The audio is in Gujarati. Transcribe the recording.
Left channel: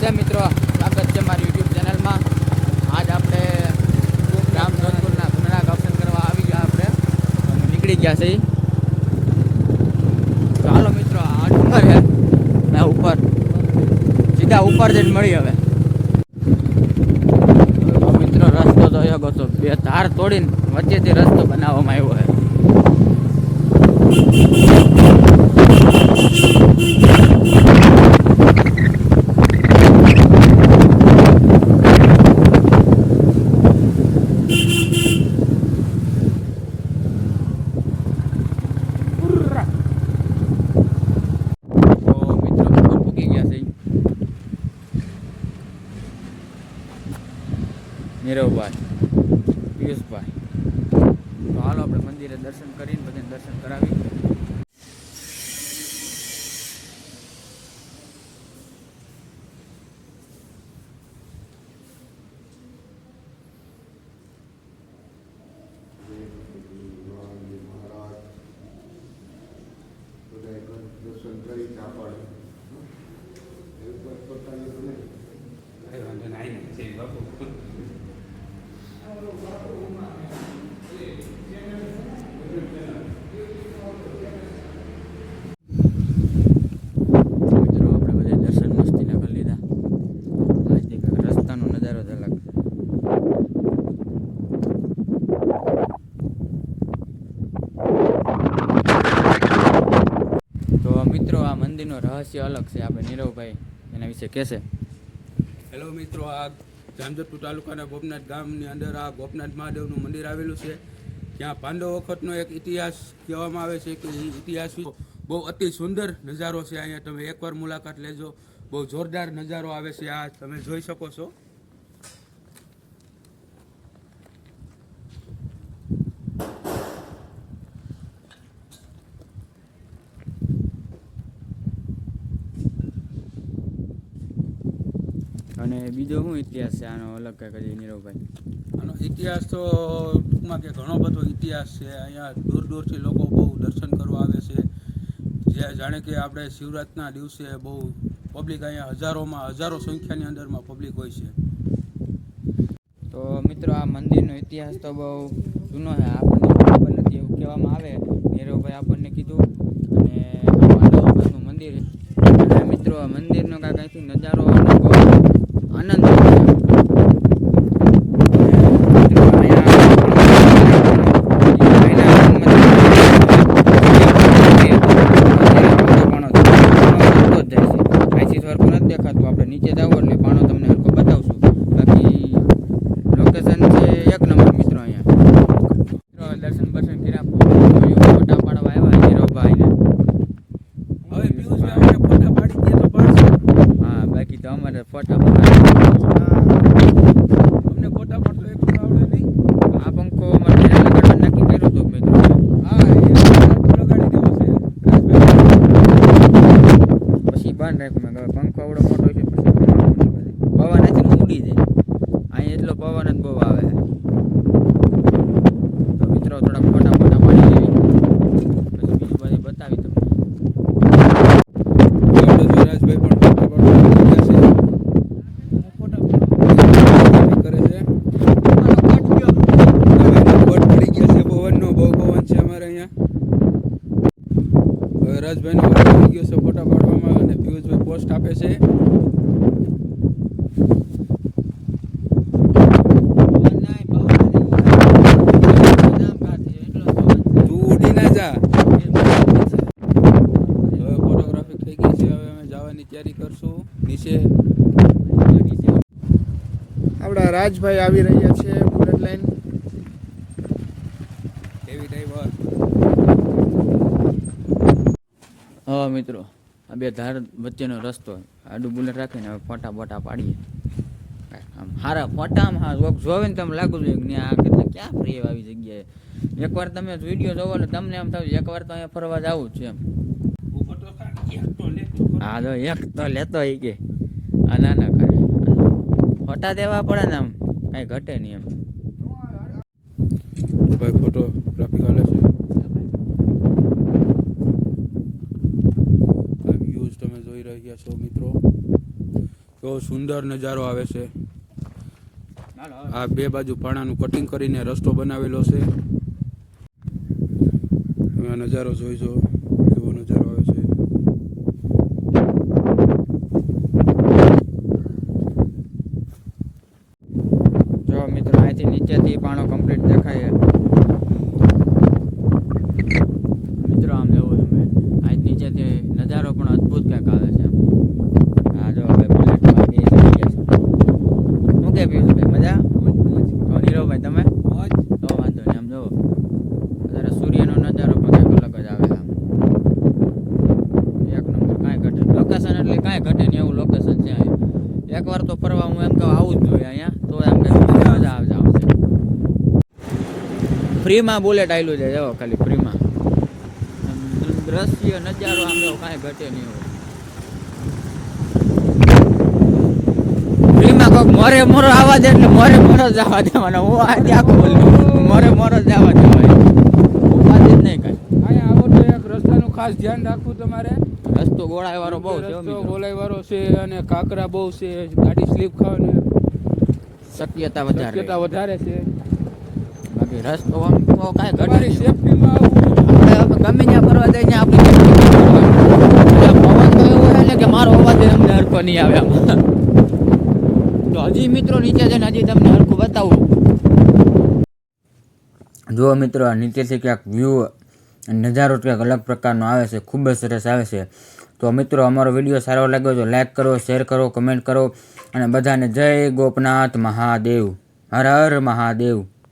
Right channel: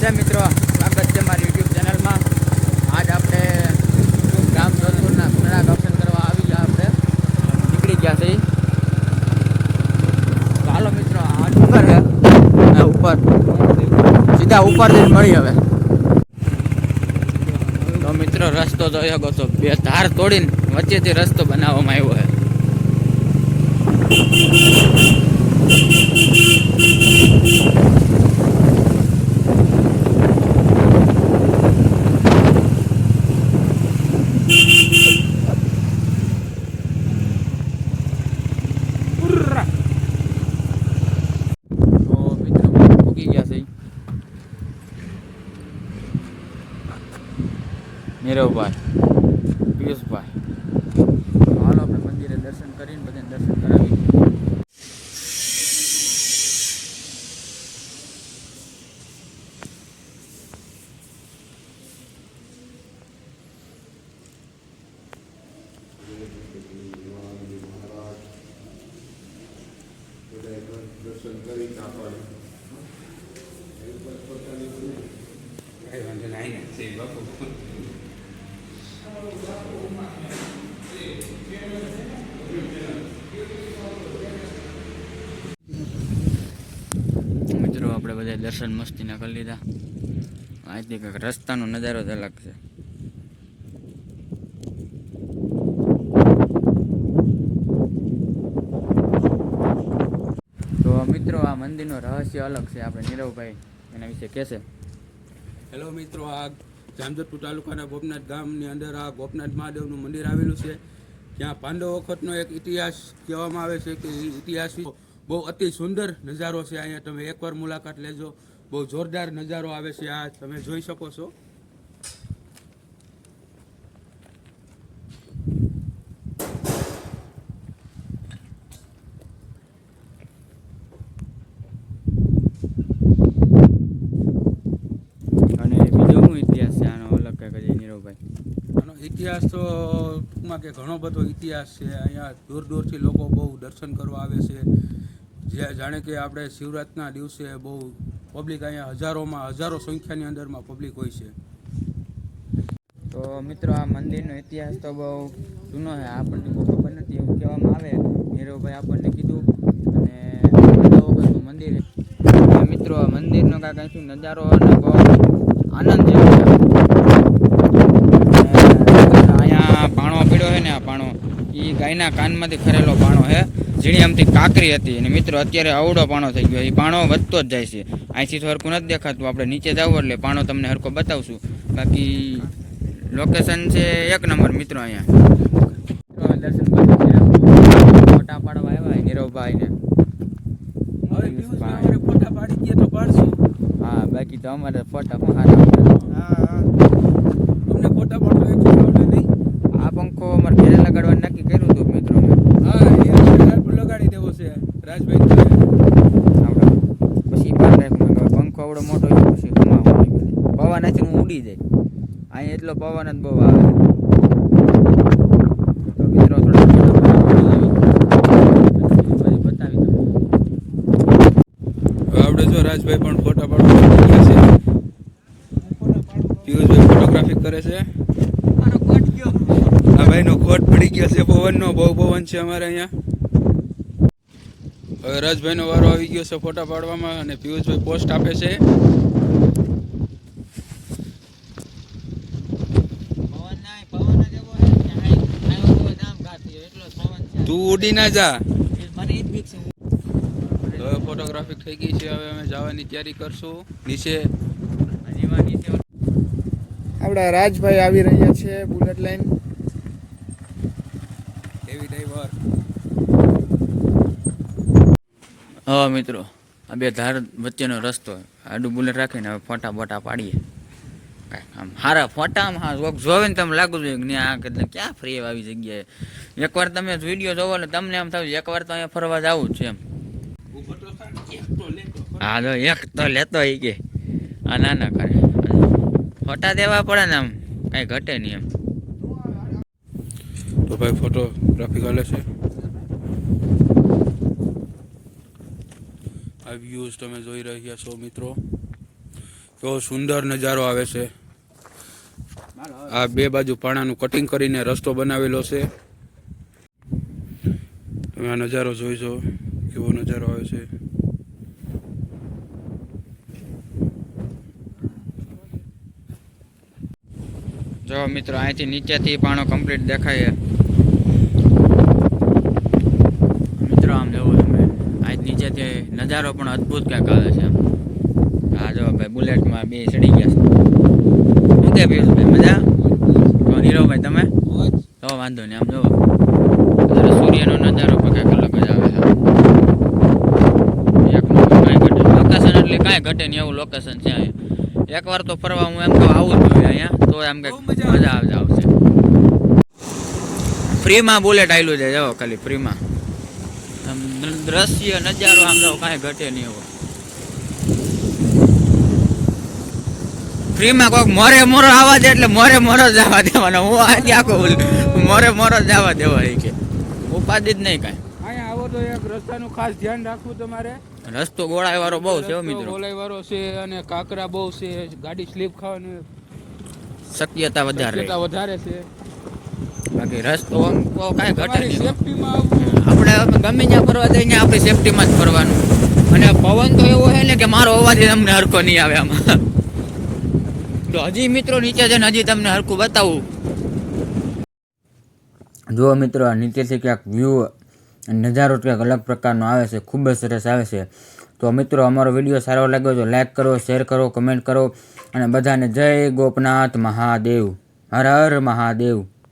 નમસ્તે મિત્રો, સ્વાગત છે મારી યુટ્યુબ ચેનલમાં. આજ આપણે રામ જોધપુરના ઘણા દર્શન કરવા આવી ગયા. આપણે નીકળી ગયા છે. ચાલો મિત્રો, આજ ઉપર છે ને ઉપર સીધા ઉપર જઈને મળી. હવે તો મિત્રો રસ્તો જોયો ગયો તો બે ધાર તોડીને વચ્ચેથી રસ્તો બનાવવામાં આવ્યો છે. નીરવભાઈ, પિયુષભાઈ, તો હાલો આપણે મંદિરે દર્શન કરીને બધાને દર્શન કરાવી. દર્શન કરી મિત્રો આપણે બધા દર્શન મસ્તીના કરી લીધા. આજથી કંઈક રસ્તાનો નજારો જ અલગ છે. તો મિત્રો આ મંદિરનું રહસ્ય અલગ છે. આપણે નીરવભાઈ એના વિશે કહેશે. હેલો મિત્રો, આ જામજોધપુર તાલુકાના ગોપનાથ ગામની અંદર આ ગોપનાથ મહાદેવનું મંદિર આવેલું છે. ત્યાં પાંડવ વખતનો એક ઇતિહાસ કહેવામાં આવે છે કે એ ઇતિહાસ બહુ અતિ સુંદર નજારો છે. અહીંયા તમે એકવાર મુલાકાત લેજો. બહુ જોરદાર નજારો આવે છે. આ તમે જોઈ શકો છો. અને બીજો શું ઇતિહાસ છે આનો અલગ કંઈક? નીરવભાઈ, આનો ઇતિહાસ તો ટૂંકમાં કે ઘણો બધો ઇતિહાસ છે. અહીંયા દૂર દૂરથી લોકો બહુ દર્શન કરવા આવે છે. જે જાણે કે આપણે શિવરાત્રિના દિવસે બહુ પબ્લિક અહીંયા હજારો સંખ્યાની અંદરમાં પબ્લિક હોય છે. તો મિત્રો આ મંદિરનો ઇતિહાસ તો બહુ જૂનો છે. આપણને ખબર નથી એવું કહેવામાં આવે. નીરવભાઈ આપણને કીધું. અને પાંડવ મંદિર છે મિત્રો. આ મંદિરનો કાંઈથી નજારો અને બહુ આનંદ થાય છે. અહીંયા ભાણો ને ભાણો એ ગાયના કાનમાંથી ચીડિયામથી કાંકરી હતી. મિત્રો અત્યારે આવડો ભાણો છે. ભાણો વધતો જ જાય છે. અહીંથી સરખું નથી દેખાતું. આપણે નીચે જાવ એટલે ભાણો તમને સરખો બતાવશું. બાકી લોકેશન છે એક નંબર મિત્રો. અહીંયા દર્શન બાજુ ફોટા પાડવા આવ્યા નીરવભાઈને. ફોટા પાડી દે તો પાડશે. હા, બાકી તો અમારે ફોટા તમને ફોટા પાડવા નહીં. આ પંખો અમારે ઘરે લગાડવા નક્કી કર્યું હતું મિત્રો. હા, લગાડી દેવો છે રાજભાઈ. પછી બાર રાખ્યું કે પંખો આવડો મોટો છે પછી પવન નથી ઉડી જાય. અહીં એટલો પવન જ બહુ આવે. તો મિત્રો થોડા ફોટા પાડી દેવી પછી બતાવી તમને. આવડે જો રાજભાઈ પણ ફોટા પાડવા ગયા છે. ફોટોગ્રાફી કરે છે. આ ભાઈનો કોટ પડી ગયા છે પવનનો. બહુ પવન છે અમારે અહીંયા. હવે રાજભાઈનો વારો આવી ગયો છે ફોટા પાડવામાં. અને પિયુષભાઈ પોસ્ટ આપે છે. તું ઉડી ના જા. હવે ફોટોગ્રાફી થઈ ગઈ છે. હવે અમે જવાની તૈયારી કરશું નીચે. આપણા રાજભાઈ આવી રહ્યા છે બુલેટ લાઈન હેવી ડ્રાઈવર. હા મિત્રો, આ બે ધાર વચ્ચેનો રસ્તો આડું બુલેટ રાખીને હવે ફોટા બોટા પાડીએ. આમ સારા ફોટા આમ જોવે ને તમે લાગુ જોઈએ કે આ કેટલે ક્યાં ફરી આવી જગ્યાએ. એકવાર તમે વિડીયો જોવો એટલે તમને એમ થયું એકવાર તો અહીંયા ફરવા જવું જ છે એમ. હા તો એક તો લેતો એ કે આ ના કરે ફોટા દેવા પડે ને આમ કાંઈ ઘટે નહીં એમ. તો ભાઈ ફોટોગ્રાફી ચાલે છે. આ વ્યૂઝ તમે જોઈ રહ્યા છો મિત્રો. એવો સુંદર નજારો આવે છે. આ બે બાજુ પાણાનું કટિંગ કરીને રસ્તો બનાવેલો છે. તમે આ નજારો જોઈજો, કેવો નજારો આવે છે. જો મિત્રો અહીંથી નીચેથી પાણો કમ્પ્લીટ દેખાય મિત્રો. આમ જોવું તમે અહીં નીચેથી નજારો પણ અદ્ભુત ક્યાંક આવે છે. હા જો ભાઈ બુલેટમાં બે ચડી ગયા છે. શું કે પિયુષભાઈ મજા? તો નીરવભાઈ તમે તો વાંધો નહીં. આમ જોવો અત્યારે સૂર્યનો નજારો પણ કંઈક અલગ જ આવે છે. એક નંબર કાંઈ ઘટે લોકેશન એટલે કાંઈ ઘટે નહીં એવું લોકેશન છે અહીંયા. એકવાર તો ફરવા હું એમ કહું આવું જ જોઈએ અહીંયા, તો એમ કંઈક મજા આવશે. ફ્રીમાં બુલેટ આવેલું છે જો, ખાલી ફ્રીમાં. આમ દ્રશ્ય નજારો આમ જો કાંઈ ઘટે નહીં એવો. ફ્રીમાં કોઈક મોરે મોરો આવવા દે એટલે મોરે મોરો જ આવવા દેવાનો. હું આથી આખો મોરે મોરો જ આવવા દેવાય, ઉપાધિ જ નહીં કાંઈ. અહીંયા આવો તો એક રસ્તાનું ખાસ ધ્યાન રાખવું તમારે. રસ્તો ગોળાઈ વાળો બહુ છે મિત્રો, ગોળાઈ વાળો છે અને કાંકરા બહુ છે, ગાડી સ્લીપ ખાવાની શક્યતા વધારે છે. બાકી રસ્તો આમ તો કાંઈ ઘટે નહીં. સેફટીમાં આવવું. આપણે ગમે ત્યાં ફરવા જઈને આપણી સેફટીમાં જ ફરવાનું. અને પવન તો એવો છે ને કે મારો અવાજ તમને હરખો નહીં આવે આમાં. તો હજી મિત્રો નીચે છે ને હજી તમને હરખું બતાવું. જુઓ મિત્રો આ નીચેથી ક્યાંક વ્યૂ નજારો ક્યાંક અલગ પ્રકારનો આવે છે, ખૂબ જ સરસ આવે છે. તો મિત્રો અમારો વિડીયો સારો લાગ્યો તો લાઈક કરો, શેર કરો, કમેન્ટ કરો અને બધાને જય ગોપનાથ મહાદેવ. હર હર મહાદેવ.